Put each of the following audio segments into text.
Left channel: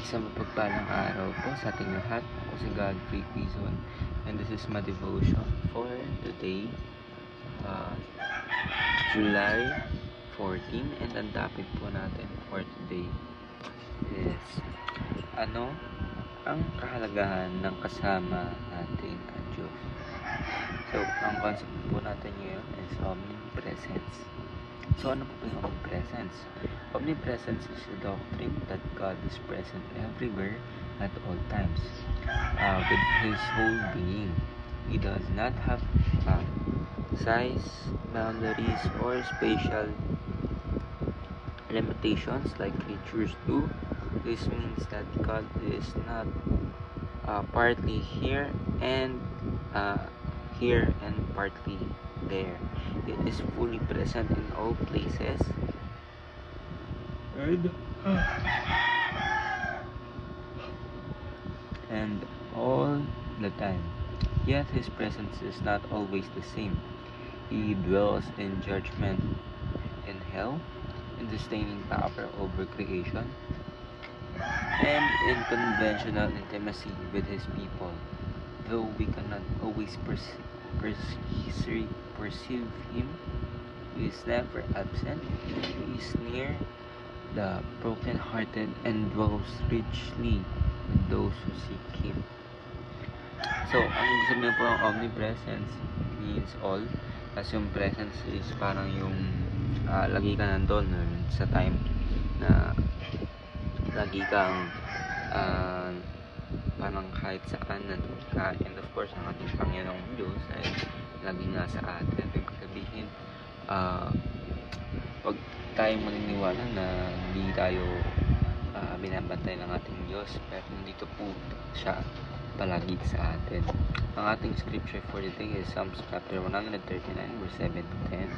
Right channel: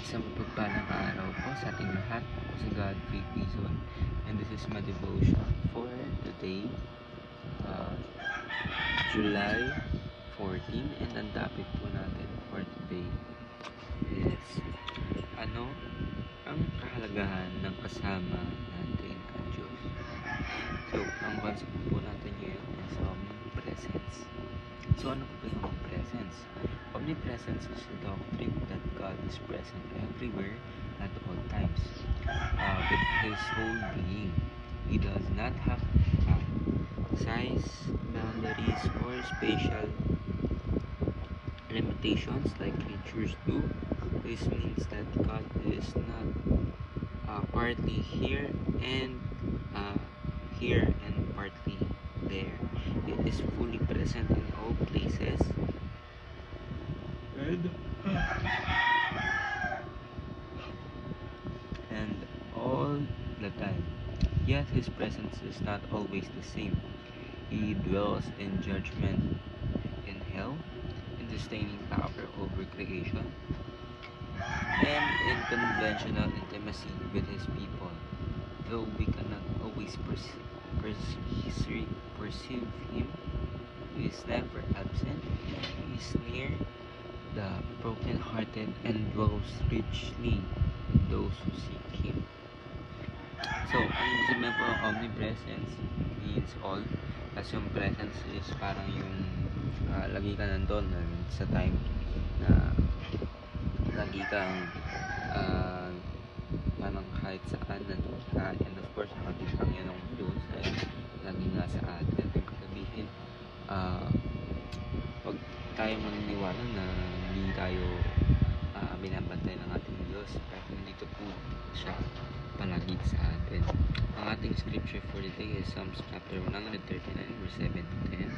Isang mapagpalang araw po sa ating lahat. Ako si Godfrey Pizon and this is my devotion for today, uh, July 14, and ang topic po natin for today is ano ang kahalagahan ng kasama natin at Diyos. So, ang concept po natin ngayon is omnipresence. So, ano po ba yung omnipresence? Omnipresence is a doctrine that God is present everywhere at all times, with His whole being. He does not have size, boundaries, or spatial limitations like creatures do. This means that God is not partly here and partly there. He is fully present in all places and all the time. Yet His presence is not always the same. He dwells in judgment in hell, in sustaining power over creation, and in conventional intimacy with His people. Though we cannot always perceive Him, He is never absent. He is near the broken-hearted and dwells richly in those who seek Him. So, ang ibig sabihin po ng omnipresence means all. As yung presence is parang yung lagi ka nandun sa time na lagi kang parang kahit saan nandun ka, and of course ang ating Panginoong Diyos ay laging nasa atin. Ibig sabihin wag tayong maniniwala na hindi tayo binabantay ng ating Diyos, pero nandito po siya palagi sa atin. Ang ating scripture for the day is Psalms chapter 139 verse 7 to 10.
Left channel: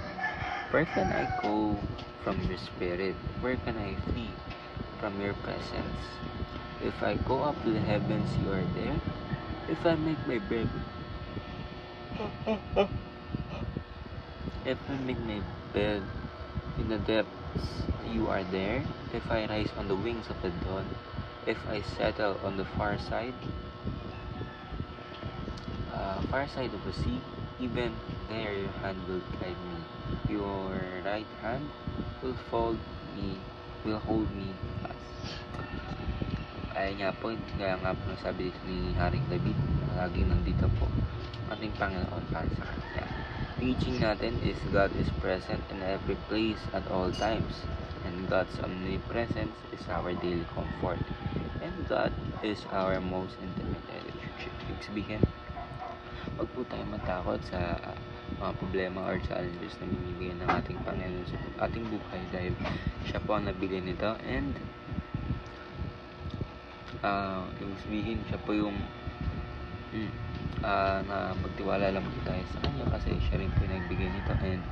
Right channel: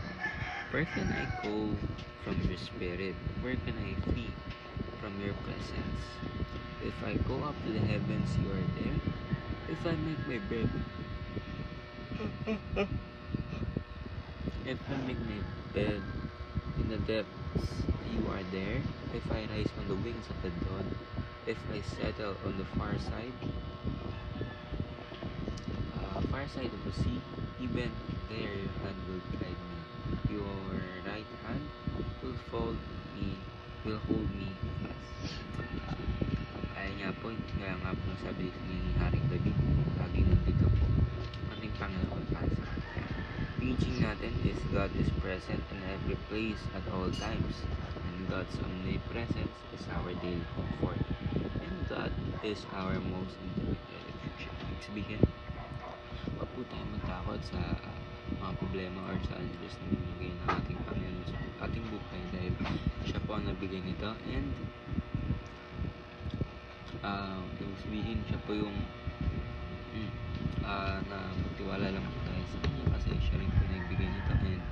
Where can I go from your spirit? Where can I flee from your presence? If I go up to the heavens, you are there. If I make my bed in the depths, you are there. If I rise on the wings of the dawn, if I settle on the far side of the sea, even there your hand will guide me. Your right hand will hold me fast. Ay nga po, kaya nga po sabi dito ni Haring David, laging nandito po ating Panginoon para sa kanya. Teaching natin is God is present in every place at all times, and God's omnipresence is our daily comfort, and God is our most intimate relationship. Ibig sabihin, huwag po tayo matakot sa mga problema or challenges na binibigay ng ating Panginoon sa ating buhay, dahil siya po ang nabigay nito, and ibig sabihin siya po yung na magtiwala lang po tayo sa kanya, kasi siya rin po yung nagbigay nito, and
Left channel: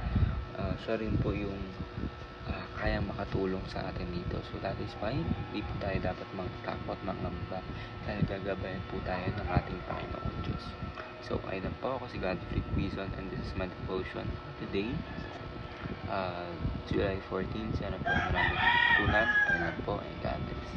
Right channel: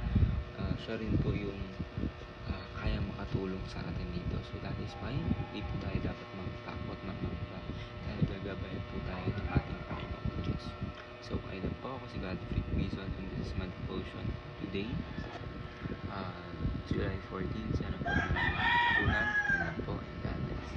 siya rin po yung kaya makatulong sa atin dito. So that is why hindi po tayo dapat matakot, mangamba, dahil gagabayan po tayo ng ating Panginoon Diyos. So ayun po, ako si Godfrey Pizon and this is my devotion today, July 14. Sana po maraming tunan. Ayun po, and God bless.